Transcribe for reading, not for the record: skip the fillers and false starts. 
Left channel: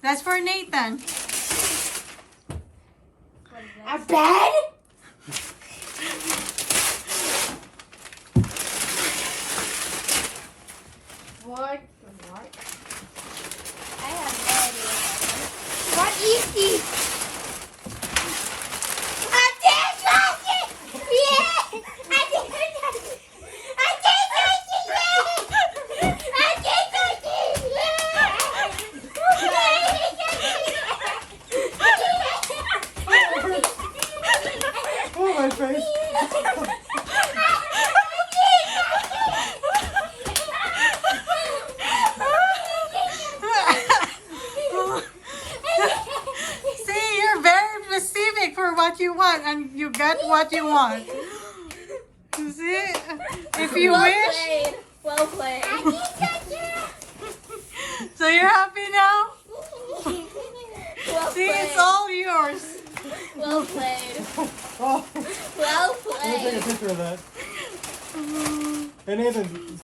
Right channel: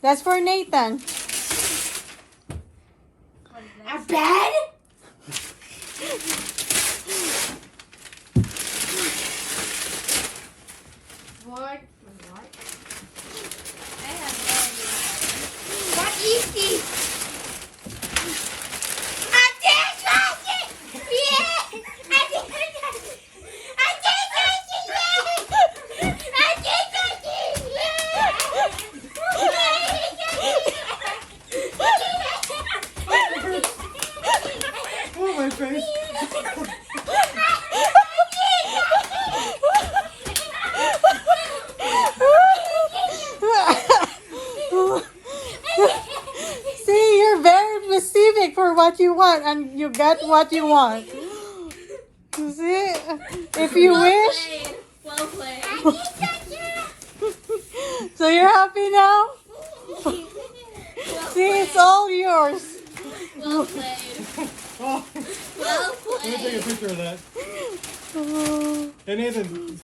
That's for Nathan. A bed? What? I have no idea. What is this? A dishwasher! Yeah! A dishwasher! A dishwasher! Yeah! A dishwasher! Oh, my face. See, you're very specific for what you want, and you got what you want. See, if you wish. Well played. So you're happy now? Well See, played. it's all yours. Well played. Oh, Well let me take a played. picture of that. Hey, Nathan.